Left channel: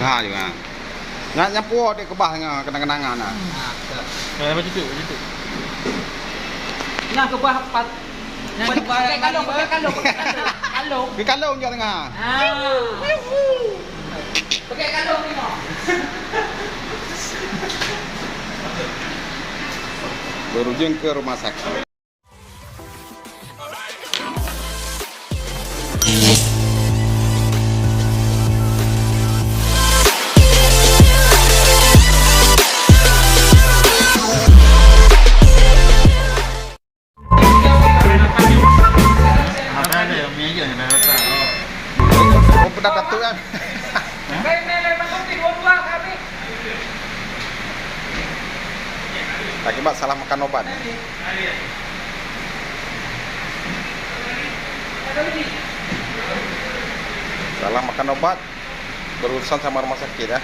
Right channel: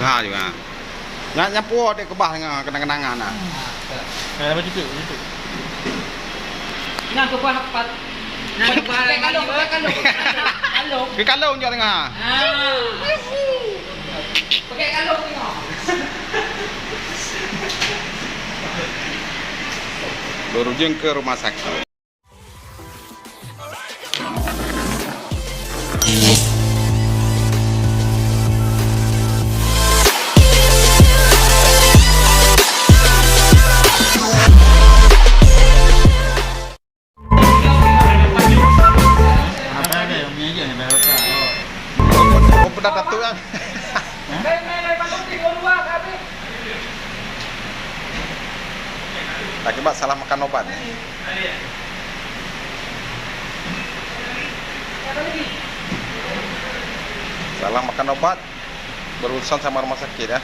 Ha juga. Nyapu dek kebah kenang-kenangan nah. Kayak apa itu? Yang kebah pat. Pakai kalung. Ke kalau dia tengah. Pakai kalung ni mau. Berujung ke rumah sakit. Apa ada yang punya aja berapa? Oh, pedat datu kan. Akibat salah makan obat. Salah makan obat berurusan sama rumah sakit ya.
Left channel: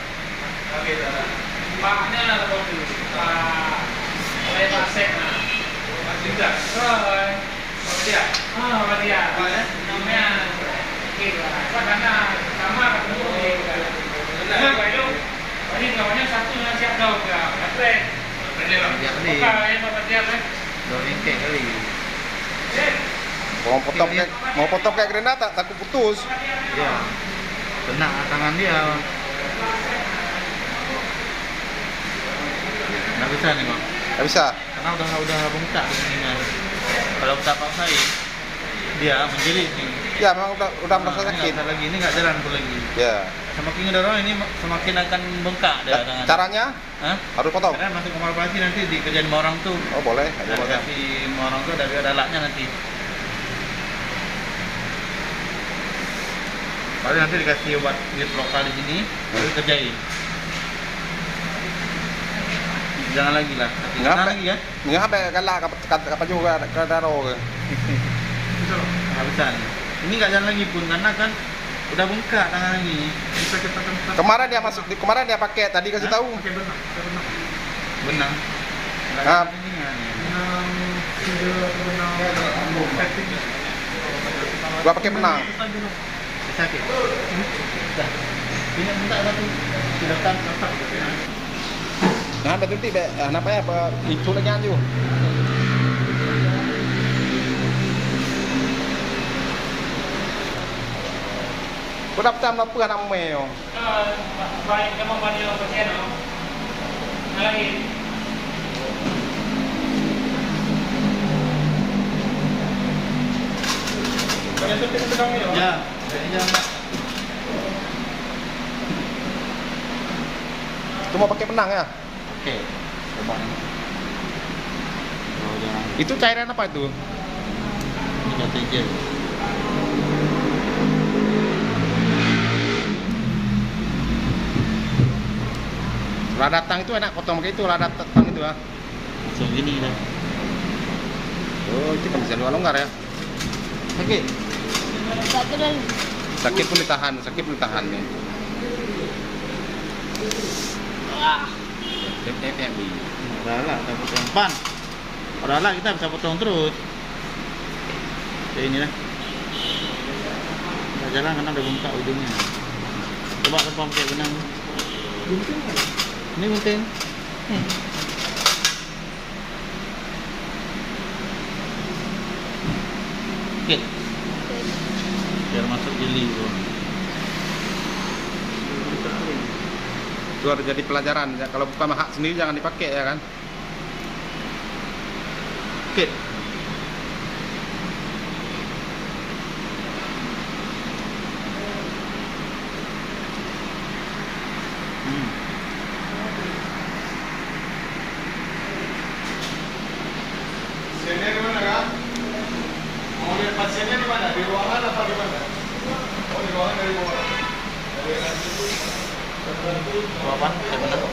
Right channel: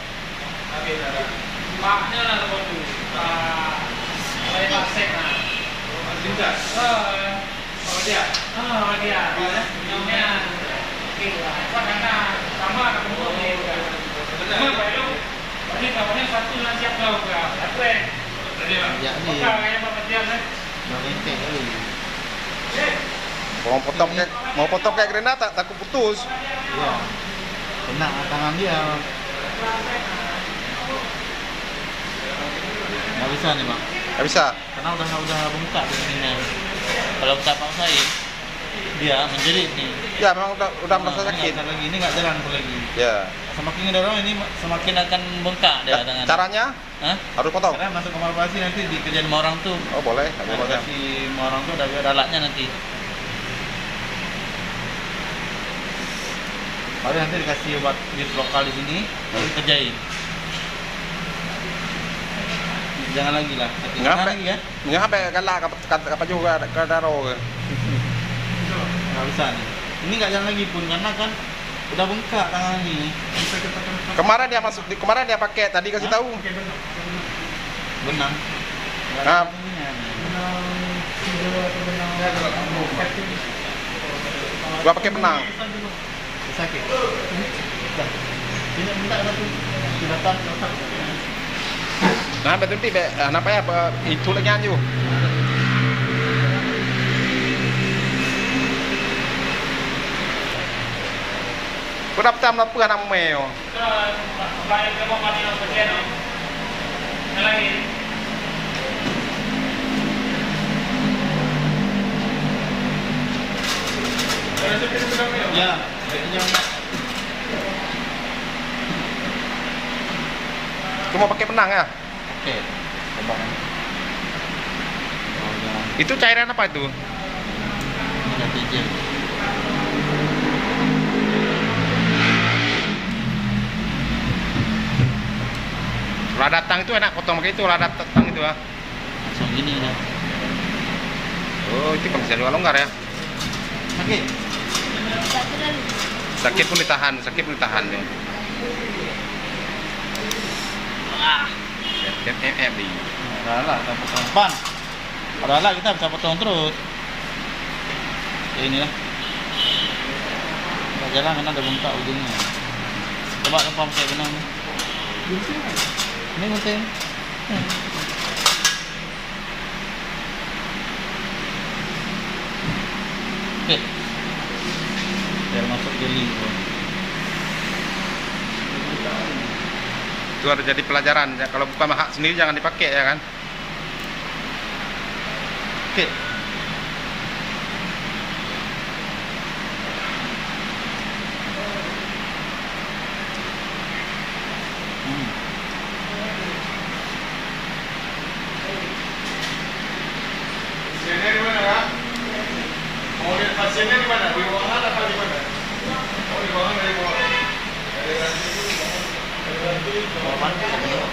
Paknya lah waktu. Saya pasek nah. Juga. Dia. Dia. Namanya kira. Karena sama ketemu di. Benar, Pak Ilung. Ini kawannya satu nggak siap kau ke. Atlet. Ya Bukan yang Bapak dia lah. lengkek kali. Mau potong kayak granat takut putus. Iya. Kena tangan dia. Nggak bisa nih bang. Nggak bisa. Karena udah bengkak di sini. Kalau kita paksain, dia menjerit nih. Ya memang udah merasa sakit. Nggak bisa lagi, ini nggak jalan pun lagi. Ya. Semakin ngedorong ini semakin akan bengkak dia tangan. Caranya Hah? harus potong. Karena masuk kamar operasi nanti dikerjain sama orang tuh. Oh boleh. Ada macam. Operasi sama orang tuh ada alatnya nanti. Paling nanti dikasih obat diet lokal di sini, baru dikerjain. Jangan lagi lah. Jangan lagi ya. Nggak sampai galak apa juga ke daro ke. Nggak bisa nih. Ini nggak jalan lagi pun karena kan udah bengkak tangan ini. Kemarin dia pakai tadi kasih tahu. Benang. Nah, gua pakai benang. Sakit. Dah. Ini minta batu. Sudah kan letak. Nah, betul ti apa ya itu lagi anju. Kau dapat jam apa anak meo? Baik kamu mandi yang bagian no. Lagi. Ya, jangan. Cuma pakai benang ya? Oke. Coba. Oh, jangan. Itu cairan apa itu? Ya, pinjam. Lah datang itu enak potong pakai itu, lah datang itu ah. Langsung gini dah. Oh, itu kan bisa longgar ya. Sakit. Sakit pun ditahan nih. di. Padahal lah kita potong pan. Padahal lah kita bisa potong terus. Ya inilah. Nggak jalan karena ada bengkak ujungnya. Coba lempam kayak benang. Ini gunting. Oke. Biar masuk jeli gitu. Itu harus jadi pelajaran ya. Kalau bukan hak sendiri jangan dipakai ya kan. Oke. Pasiennya di mana kan? Mau lihat pasiennya di mana? Di ruangan atau di mana? Oh di ruangan dari bawah. Bapak, saya benar kok.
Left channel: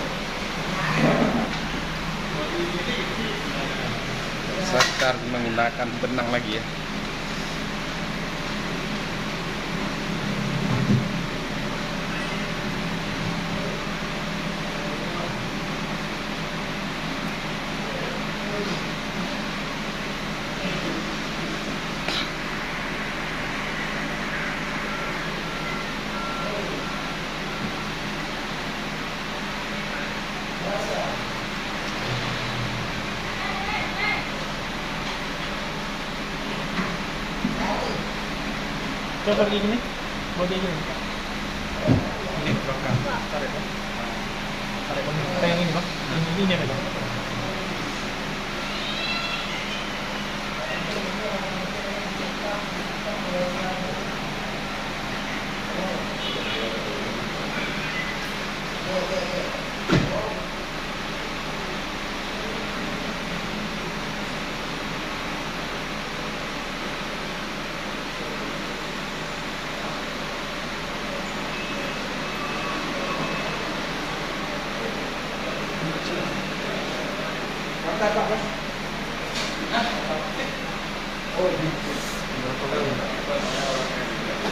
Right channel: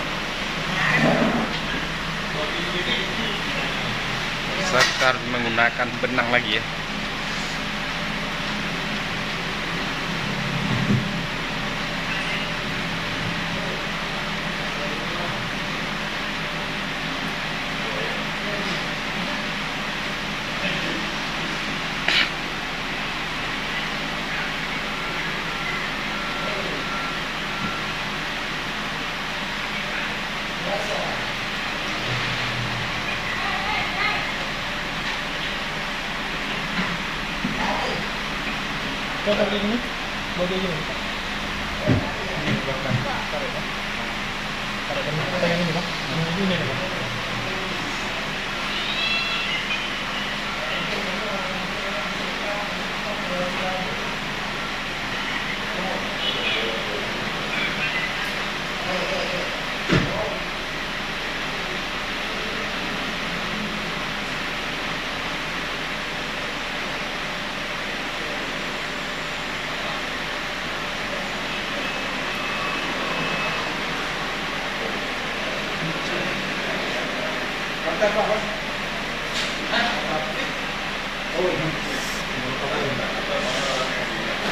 Kita harus menggunakan benang lagi ya. Coba gini, bodi gini. Ini belakang. Tarik bang. Tarik bang. Yang ini bang. Ini ada bang.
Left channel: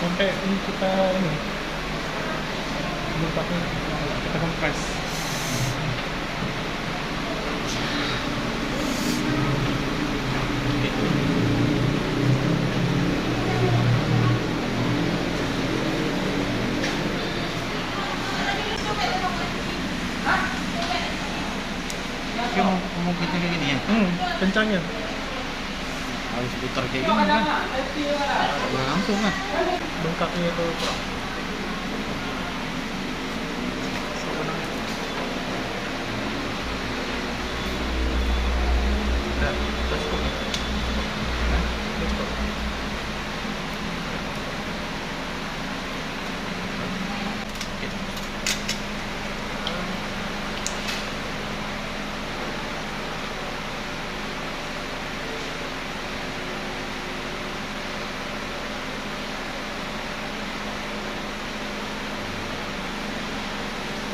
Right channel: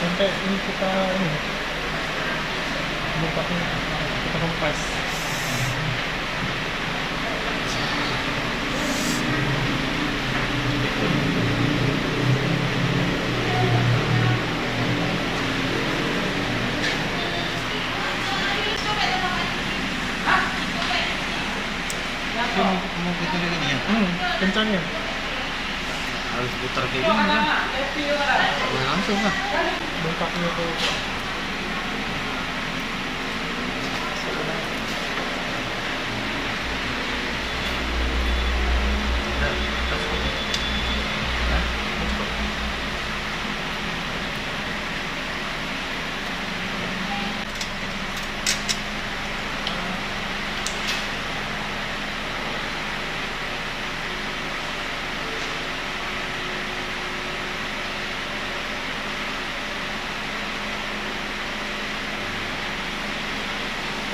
Sampai ini kita ini bentuknya kita kompres. Mau kita kayak gini ya? Kencangnya. Harus putar kayak gini kan? Boleh langsung lah. Bengkaknya itu kurang.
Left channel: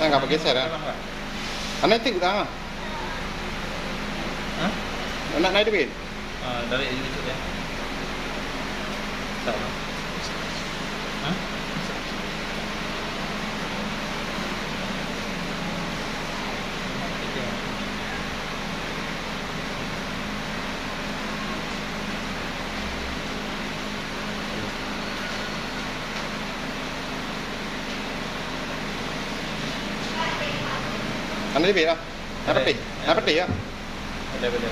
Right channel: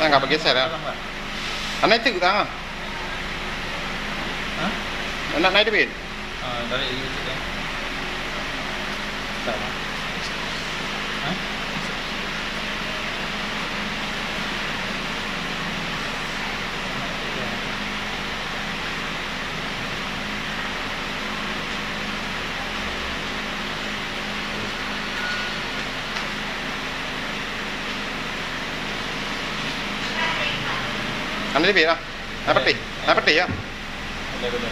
Nggak bergeser ya? Anak itu tangan. Hah? Anak naik debit. Dari ini ya. Sama. Hah? Anak debit lah. Naik peti ya. Ada beda.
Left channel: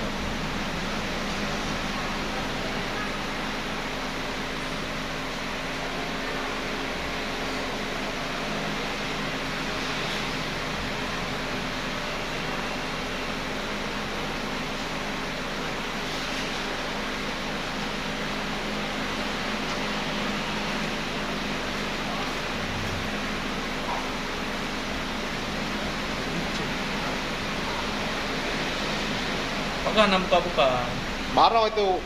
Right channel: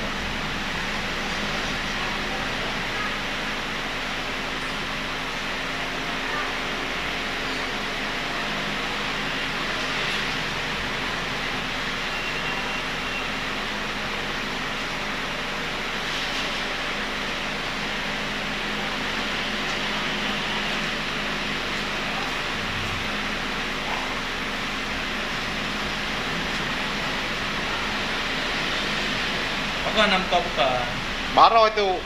Bukan nampak bukan. Baro itu.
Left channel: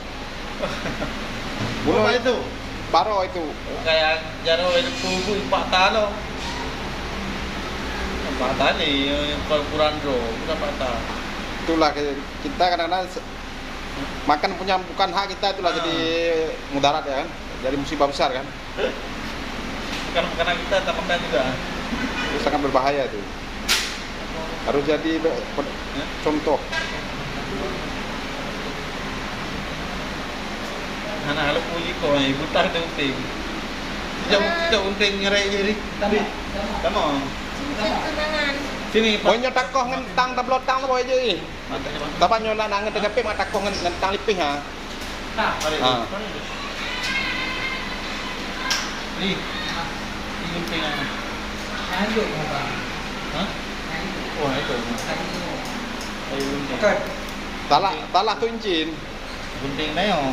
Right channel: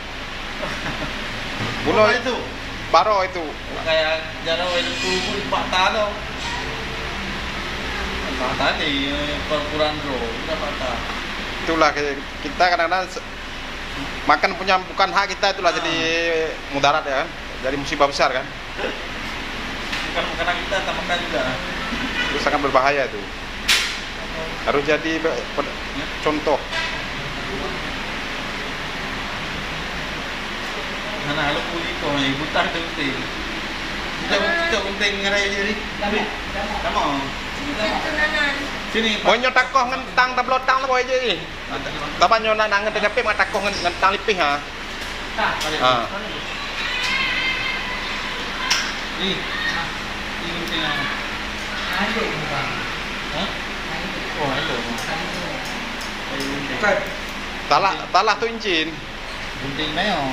Bunuh itu. Baro itu. Kayak jaro itu Pak Talo. Pak tadi perkuran bro, bukan Pak Talo. Itulah kita kadang-kadang makan punya bukan hak kita, itulah jadi mudarat ya kan. Jadi musibah besar kan. Bukan makanan kita, tak makan juga. Itu sangat berbahaya itu. Harus jadi contoh. Nah, lo puli ko, ibu tak penting. Jauh penting ngerai jadi. Kamu. Sini. Mau nyotak koh ngentang tablot tang lah boy jadi. Tapi nyona nang ngentang tapi mata koh ngentang lipih ha. Ini penting apa? Ayo, Bang. Hah? Oh, itu. Talah tu incin. Penting na yun.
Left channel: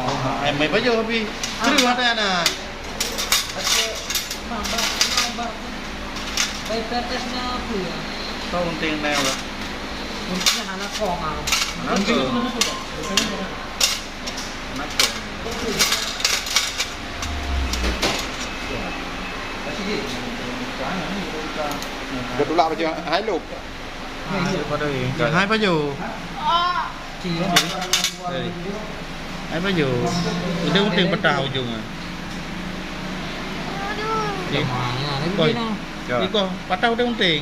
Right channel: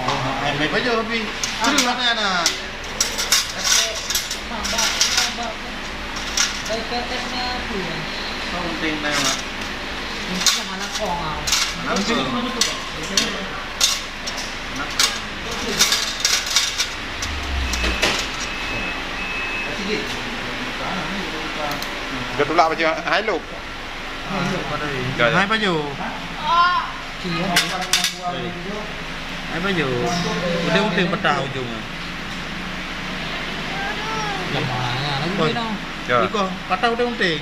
May pa dyan, Hobi. Sino yung mata na? Pakai mambak. Dari PTS-nya aku ya. So, penting na yun. Mungkin anak kong. Mungkin Gadula apa je? Hai lu. Hai pa dyan. Iya. Hai pa dyan. Udah penting petang ujungnya. Gimana? Lagi no. Iko, patah udah penting.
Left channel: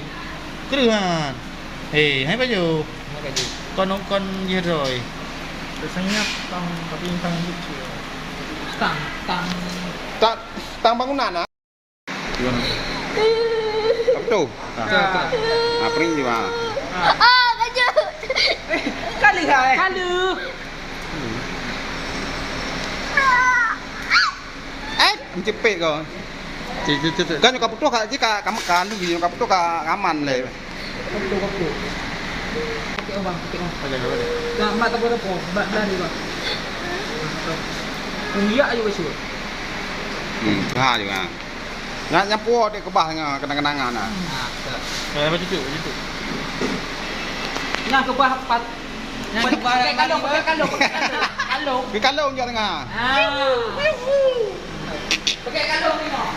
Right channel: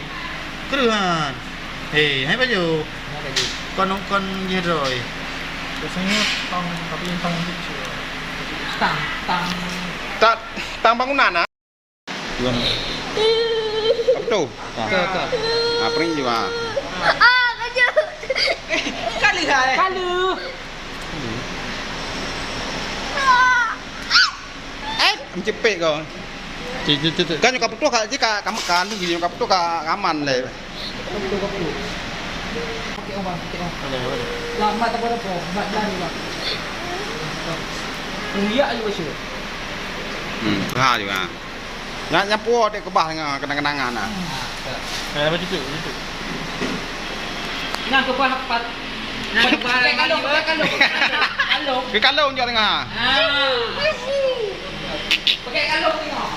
Keruhan. Hei, hai pa dyan. Kon jeroy. Biasanya tang, tapi yang tang kecil. Tang. Tang bangunan ah. Gimana? Apa tu? Apri juga. Kalu. mencepik kau. Cucu. Kan nyokap putu kak jika kamu kan tuh nyokap putu kak aman le. Kaptu. Okey bang, okey bang. Ada. Lambat tak apa-apa, bat lari bang. Iya aja wes. Ha juga. Nyapu dek kebah kenang-kenangan nah. Apa cucu? Yang ke bawah pat. Pakai kalung. Ke kalau dia tengah. Pakai kalung tengok.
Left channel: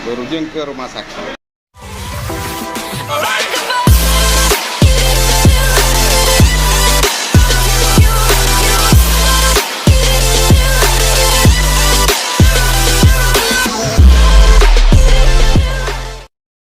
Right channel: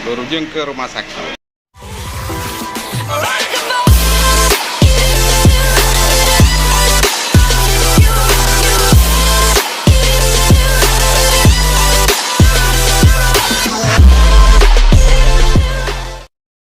Berujung ke rumah sakit.